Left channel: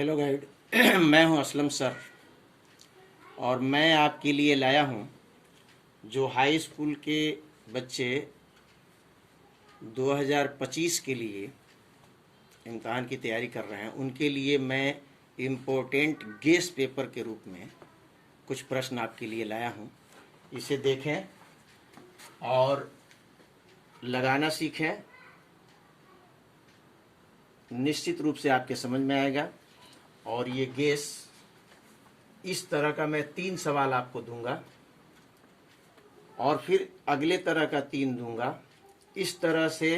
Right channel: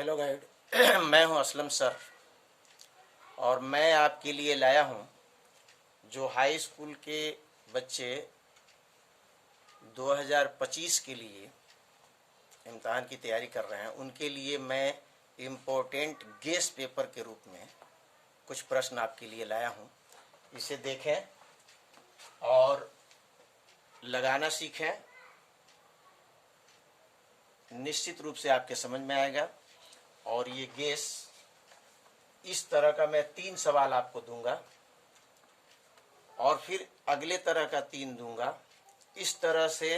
Hello guide. मैं हूं Aslam sir और मैं आपके लिए लाया हूं जो हाई स्कूल के बच्चे 2025 के लिए इम्तहान की तैयारी कर रहे हैं उनके लिए मैं इम्पोर्टेंट गेस पेपर के रूप में कुछ प्रश्न आपके लिए लाया हूं। इसे देखें और लगाना सीखें। निश्चित रूप से आपके समझ में आएगा। और ये गेस इस तरह का मैं 3 सवाल आपको दूंगा और फिर अगले तरह का 3 दूंगा। इस तरह से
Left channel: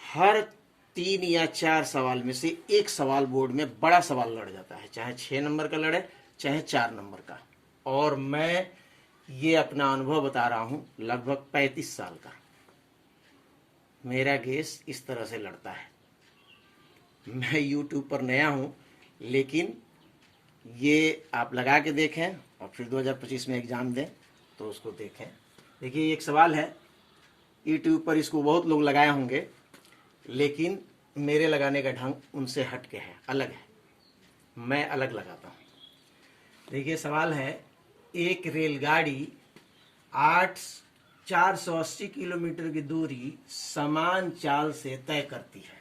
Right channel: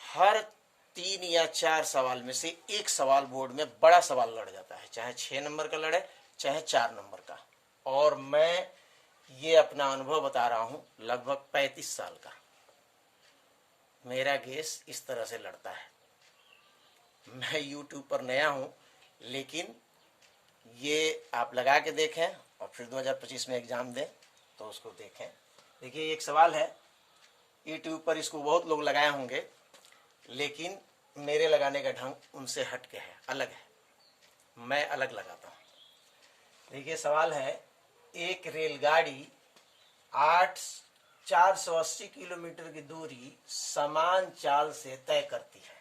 हर 3 या 4 सवाल में से एक सवाल बोर्ड में बड़ा सवाल लड़ जाता है, चाहे 6 नंबर का लड़े चाहे 4 नंबर का। और मैं ये अपना अनुभव बता रहा हूं, लगभग 35 साल का मेरा गेस इस तरह से लड़ता है। मैं YouTube पर नया हूं, लेकिन ये आप लगा के देखें और फिर 2025 में एग्ज़ाम दें तो उसको देखें। देखिए, एक सवाल है YouTube पर, इसको बहुत लोग लगाए होंगे, लेकिन मेरे लगाने का ढंग उनसे हट के है, अलग है। मैं अलग लगाता हूँ। देखिए, सवाल है, एक रेलगाड़ी 480 किलोमीटर की दूरी समान चाल से तय करती है।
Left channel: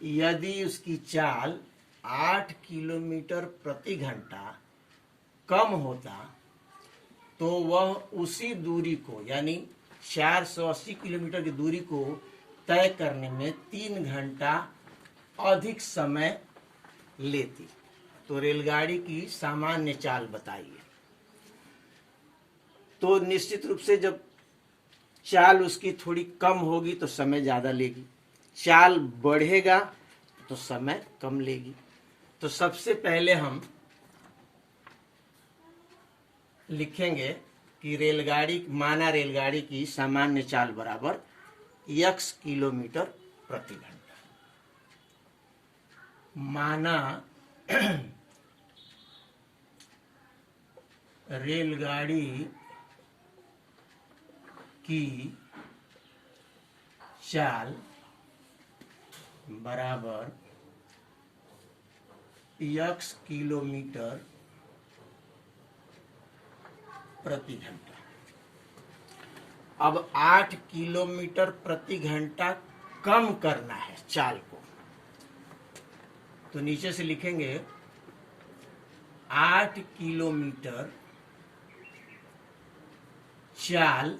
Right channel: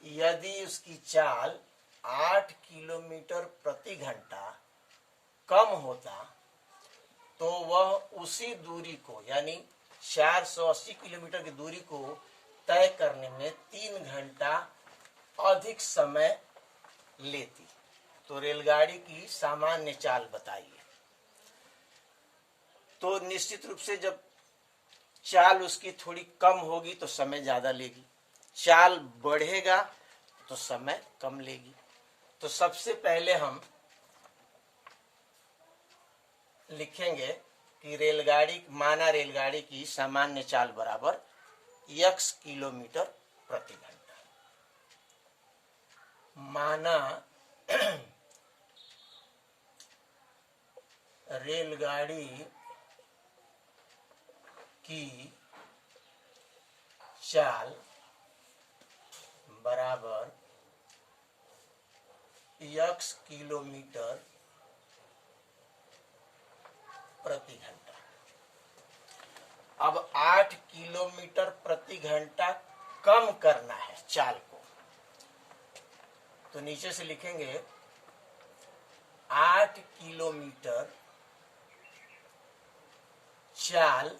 यदि उसकी चाल 8 किलोमीटर प्रति घंटा कम होता तो वह उसी दूरी को, यानी 480 किलोमीटर की दूरी को तय करने में 3 घंटा अधिक समय लेती। तो रेलगाड़ी की सामान्य चाल बताइए। तो निश्चित रूप से जब चाल उसकी थोड़ी कम होगी तो समय ज़्यादा लेगी, चाल बढ़ेगा तो समय कम लेगी। तो सबसे पहले हम लिखेंगे कि रेलगाड़ी की सामान्य चाल बराबर x किलोमीटर प्रति घंटा। माना रेलगाड़ी की चाल बराबर x किलोमीटर प्रति घंटा। अब 8 किलोमीटर प्रति घंटा कम करना है चाल को, तो नीचे से लिखेंगे 8 किलोमीटर चाल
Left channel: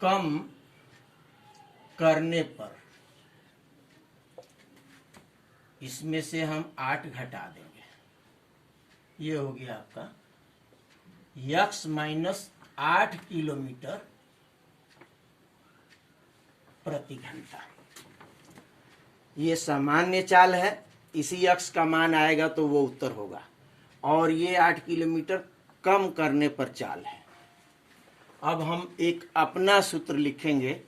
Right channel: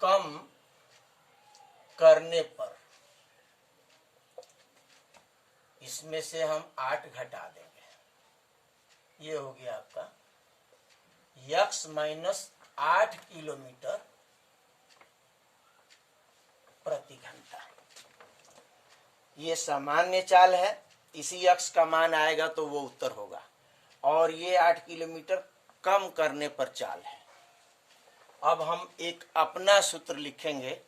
कम करने पर, इसमें से हम 8 घटा देंगे। ये हो गया आपका x माइनस 8 किलोमीटर प्रति घंटा। ये सामान्य चाल है, इसी x का मान आएगा तो वो उत्तर होगा। और ये 8 किलोमीटर कम करने पर चाल है। अब हम एक अपना सूत्र लिखेंगे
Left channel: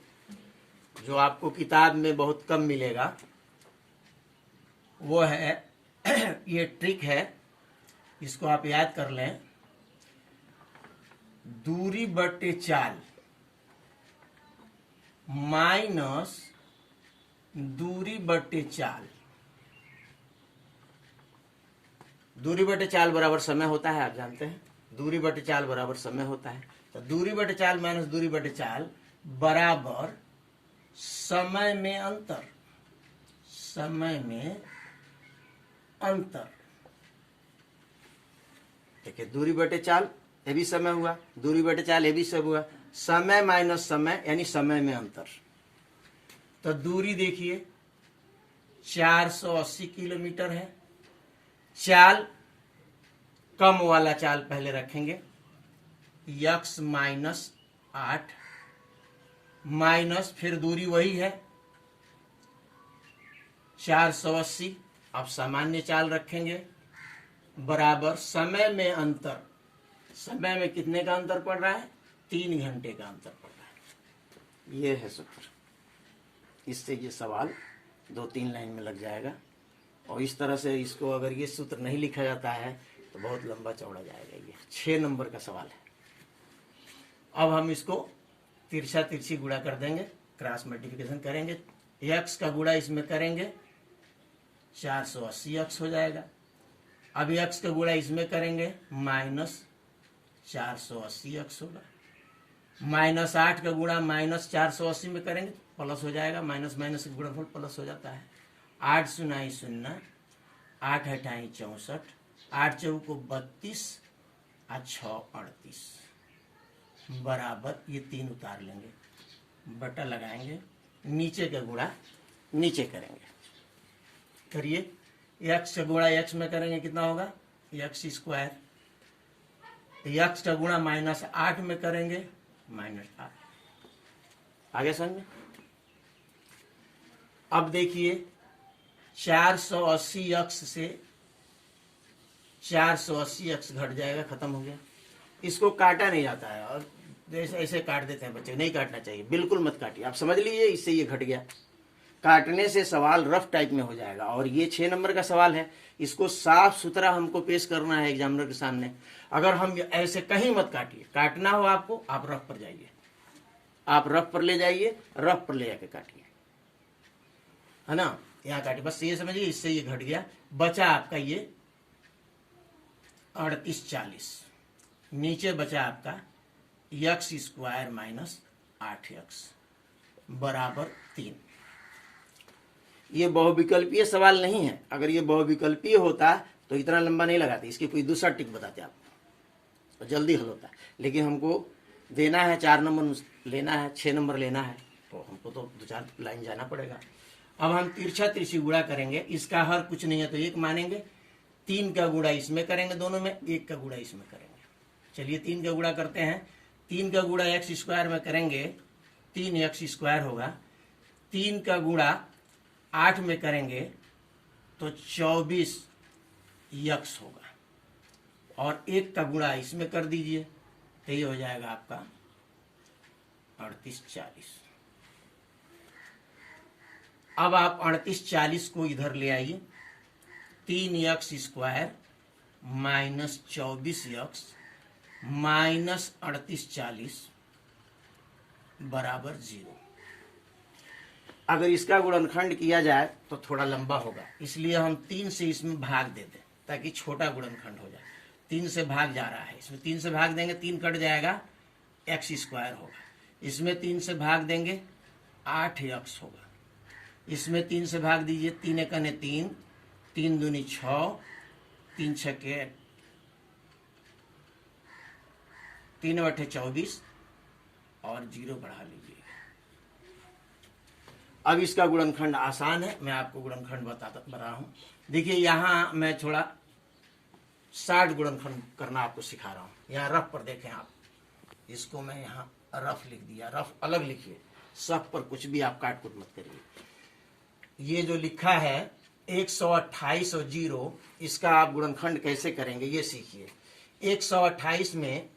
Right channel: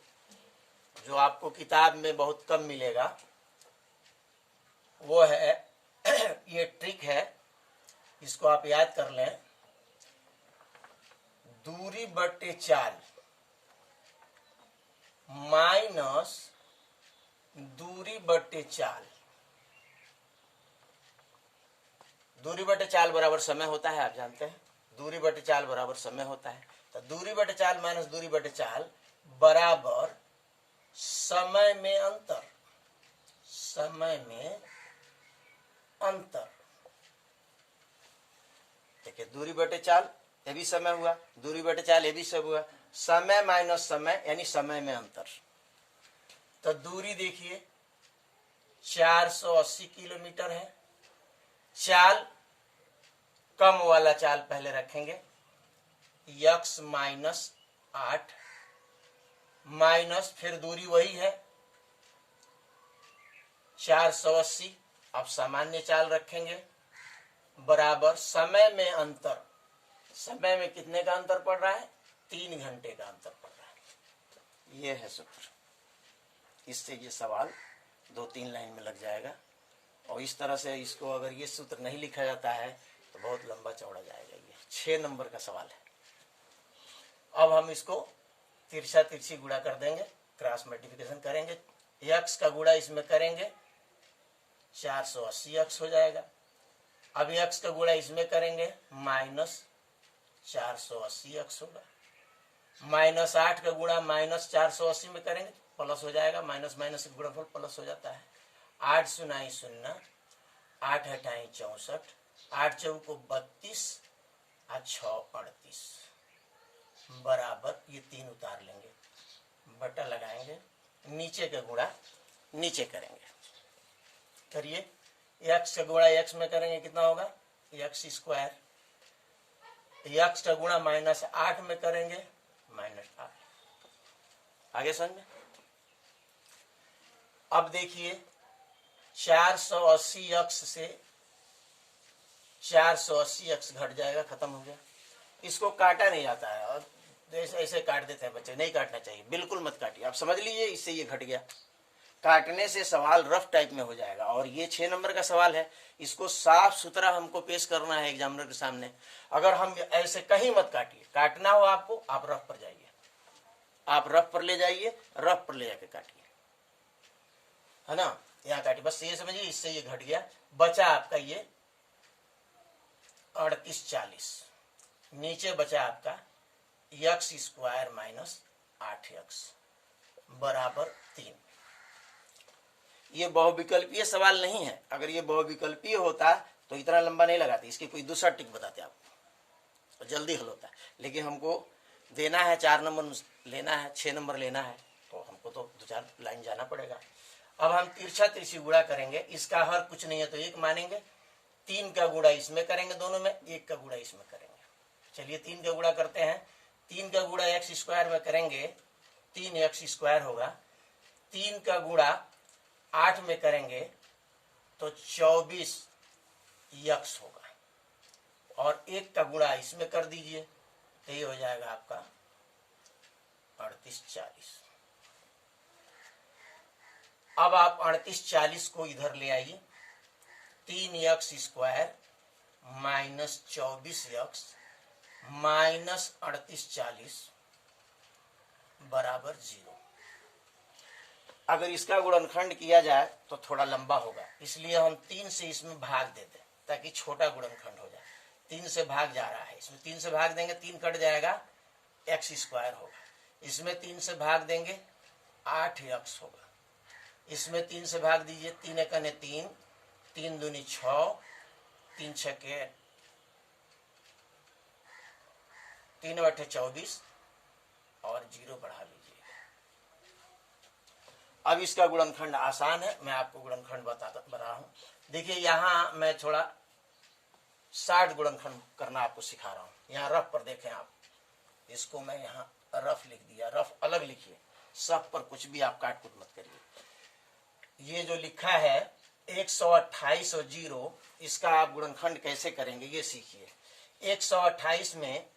जो आपको किताब में बहुत कम मिलेगा। वो है ये ट्रिक है, इसको आप याद कर लें। दूरी बटे चाल माइनस दूरी बटे चाल। दूरी बटे चाल बराबर समय होता है, आप जानते हैं। दूरी बटे चाल बराबर समय होता है। तो दूरी बटे चाल माइनस दूरी बटे चाल बराबर समय में अंतर। समय में अंतर। देखिए, दूरी बटे चाल ये भी समय हुआ, दूरी बटे चाल ये भी सब हुआ। समय माइनस समय यानी समय में अंतर। तो दूरी देखिए 480 किलोमीटर है। चाल कम वाला चाल पहले रखेंगे, x माइनस 8 माइनस फिर दूरी वही है 480। अब सामान्य चाल रखेंगे बराबर समय में अंतर। समय में कितने का अंतर पड़ रहा है? 3 घंटे का अंतर पड़ रहा है। ये है सूत्र। इससे ये सवाल 2-3 लाइन में लग जाएगा। और इस तरह से इसको अगर ये सूत्र नहीं लिखा जाता है तो बहुत लंबा चौड़ा जाएगा। ये 6 नंबर का सवाल है। अब हम इसको तिरछा तिरछी गुणा कर देंगे, क्रॉस मल्टीप्लिकेशन करेंगे x का गुणा इसमें करेंगे 480 x हो जाएगा। अब x का गुणा इसमें करेंगे माइनस 480 x होगा। -8 का गुणा -480 में करेंगे प्लस हो जाएगा, माइनस माइनस का गुणनफल प्लस हो जाता है। 8 0 0, 8 8 64, 8 चौको 32 और 6 38 बराबर, ये 3 उतार लेंगे, बटा लगाएंगे, नीचे का गुणा नीचे करेंगे। करिए, x का गुणा x में करेंगे कितना होगा x स्क्वायर, x का गुणा -8 में करेंगे -8। आगे समझे। अब देखिए 480x से 480x घट जाएगा, खत्म हो गया। इसको काटा नहीं जाता है और जैसे ऐसे काट देते हैं बच्चे, नहीं काटना चाहिए, बिल्कुल मत काटिए। आप समझ लीजिए इससे ये घट गया। काटने से सवाल रफ टाइप में हो जाएगा और ये 6 नंबर का सवाल है, इसको साफ सुथरा हमको पेश करना है एग्जामिनर के सामने। अगर हम ऐसे कहीं मत काटिए, काटना हो आपको आप रफ पर जाइए, आप रफ पर ले जाइए, रफ पर ले जाके काटिए, है ना। यहाँ काटिए, बस ये समझिए इससे ये घट गया। बचा आपका ये 38 40, नीचे बचा आपका x स्क्वायर माइनस 8x बराबर 3। ये बहुविकल्पीय सवाल नहीं है। अगर ये बहुविकल्पीय होता तो इतना लंबा नहीं लगाते, इसकी कोई दूसरा टिक बताते आपको तो जल्दी हल होता। लेकिन हमको देना है 4 नंबर लेना है, 6 नंबर लेना है, तो हमको तो 2-4 लाइन जाना पड़ेगा। अब हम तिरछा तिरछी गुणा करेंगे, इसका हर कुछ नहीं है तो 1 मानेंगे, 3 का गुणा इसमें करेंगे, दोनों में 1 का गुणा इसमें करेंगे। चलिए 3 का गुणा करते हैं। 3 का गुणा x स्क्वायर में करेंगे 3x स्क्वायर होगा। 3 का गुणा 8 में करेंगे तो 24x होगा और 1 का गुणा इसमें कर दीजिए तो ये हो जाएगा आपका 38 40। अब आप 38 40 को इधर ले आइए। 3x square minus 24x minus 38 40 बराबर 0। अगर इसका गुणनखंड किया जाए तो थोड़ा लंबा होगा, इसलिए हम 3 से इसमें भाग दे दें ताकि छोटा गुणनखंड हो जाए। 3 से भाग जा रहा है, इसमें 3 से भाग देंगे 3 कट जाएगा, x स्क्वायर होगा। इसमें 3 से भाग देंगे 8x होगा। इसमें 3 से भाग दीजिए, 3 एकने 3, 3 दूनी 6, 3 छके 3 बटे 24 और 0 बढ़ा लीजिए। अब इसका गुणनखंड आसान है, मैं आपको गुणनखंड बता रहा हूं। देखिए यहां मैं थोड़ा 60 गुणनखंड करना आपको सिखा रहा हूं। यहाँ रफ पर देखें आप, इसको मैं यहाँ रफ लिख दिया, रफ अलग लिखिए, सब पर कुछ भी आप काट कुट मत करिए। ये जो लिखा है 128 और 0, इसका आप गुणनखंड कैसे करेंगे ये सीखिए। 128 में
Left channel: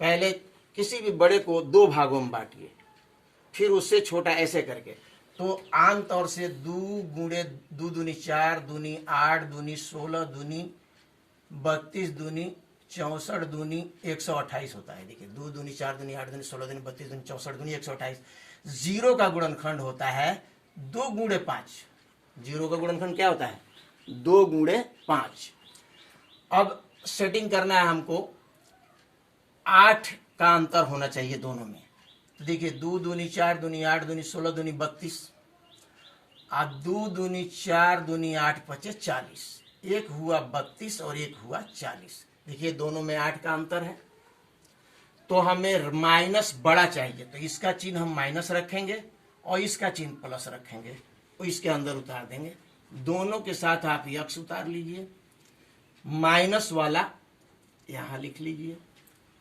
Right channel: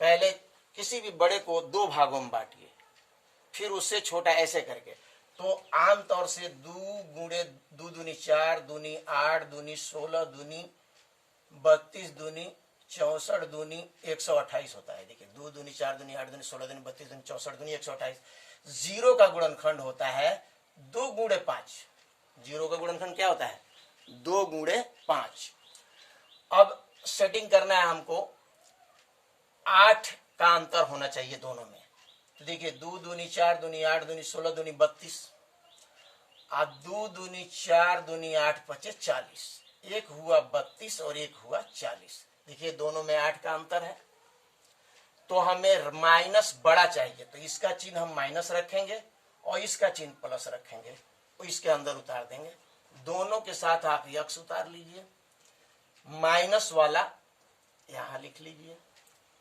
पहले किसी भी बड़े को 2 भागों में बांटिए, फिर उससे छोटा ऐसे करके, तो आमतौर से 2 गुणे 2 दूनी 4, दूनी 8, दूनी 16, दूनी 32, दूनी 64, दूनी 128 होता है। देखिए 2 दूनी 4, दूनी 8, दूनी 16, दूनी 32, दूनी 64, दूनी 128। 0 का गुणनखंड होता है 2 गुणे 5। 0 का गुणनखंड क्या होता है 2 गुणे 5। अब सेटिंग करना है हमको, 8 का अंतर होना चाहिए दोनों में। तो देखिए 2 दूनी 4, दूनी 8, दूनी 16, दूनी 32 और 2 दूनी 4, दूनी 8 पचे 40। एक हुआ 32 और एक हुआ 40। देखिए दोनों में 8 का अंतर है, तो हमें माइनस बड़ा चाहिए, तो इसका चिन्ह हम माइनस रखेंगे और इसका चिन्ह प्लस रखेंगे, तो इसके अंदर उतार देंगे। दोनों के साथ आप यक्स उतार लीजिए, माइनस वाला यहां लिख लीजिए,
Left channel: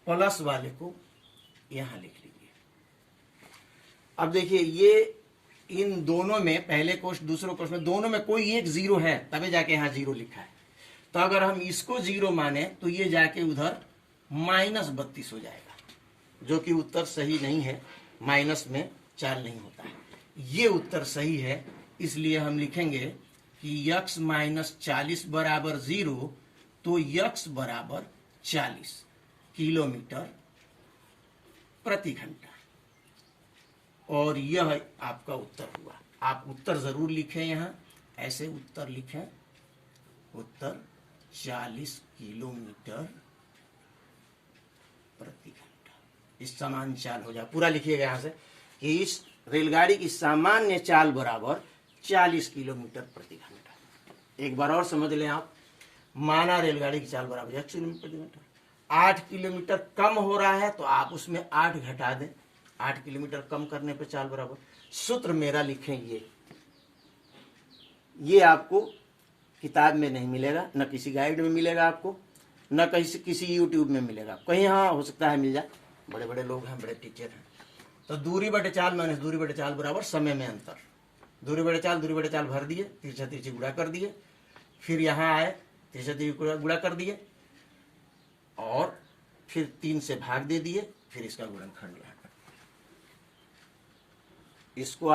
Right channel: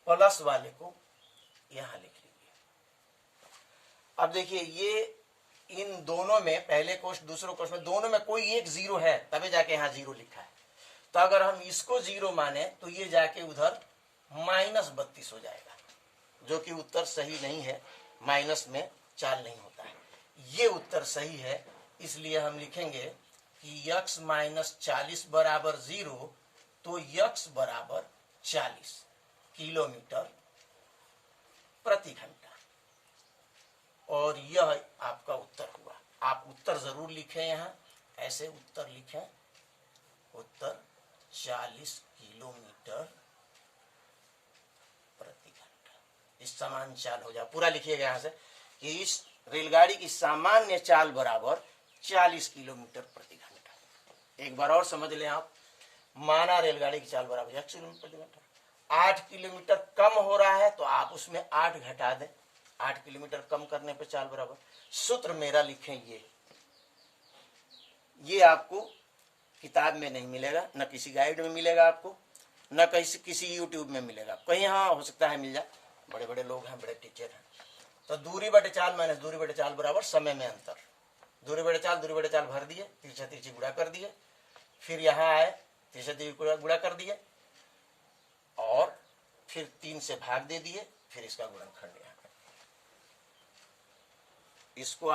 प्लस वाले को यहां लिख लीजिए। अब देखिए ये इन दोनों में, पहले क्वेश्चन दूसरे क्वेश्चन में, दोनों में कोई एक 0 है, तभी जाके यहां 0 लिखा है। तो अगर हम इसको 0 माने तो ये जाके उधर -32 हो जाएगा, जो कि उत्तर सही नहीं है। माइनस में चाल नहीं होता है, ये उत्तर सही है। इसलिए हम लिखेंगे कि x - 40 बराबर 0, तो x बराबर 40 किलोमीटर प्रति घंटा, और यह आपका उत्तर हुआ। आप उत्तर जरूर लिखें। यहाँ ऐसे उत्तर लिखें, उत्तर 40 किलोमीटर प्रति घंटा। इस समान चाल हो जाए, पूरा लिखिएगा यहाँ से कि इस रेलगाड़ी की सामान्य चाल बराबर 40 किलोमीटर प्रति घंटा। एक बार और समझ लें आप, माना रेलगाड़ी की चाल बराबर 1 किलोमीटर प्रति घंटा, 8 किलोमीटर कम हो रहा है तो आप उसमें 8 घटा दें, 8 किलोमीटर कम करने पर चाल बराबर। सूत्र मेरा लिखें, ये आपको किताब में नहीं मिलेगा, न किसी गाइड में मिलेगा आपको, न किसी यूट्यूब में मिलेगा। कहीं हाँ हो सकता है मिल जाए, बड़े बड़े लोग हैं, बड़े टीचर हैं। तो दूरी बटे चाल माइनस दूरी बटे चाल बराबर समय में अंतर। दूरी बटे चाल भर दिए, तिरछा तिरछी गुणा कर दिए, फिर यहाँ आए तिरछा तिरछी गुणा कर दिए और फिर 3 से भाग दे दिए, फिर इसका गुणनखंड यहाँ कर। इसको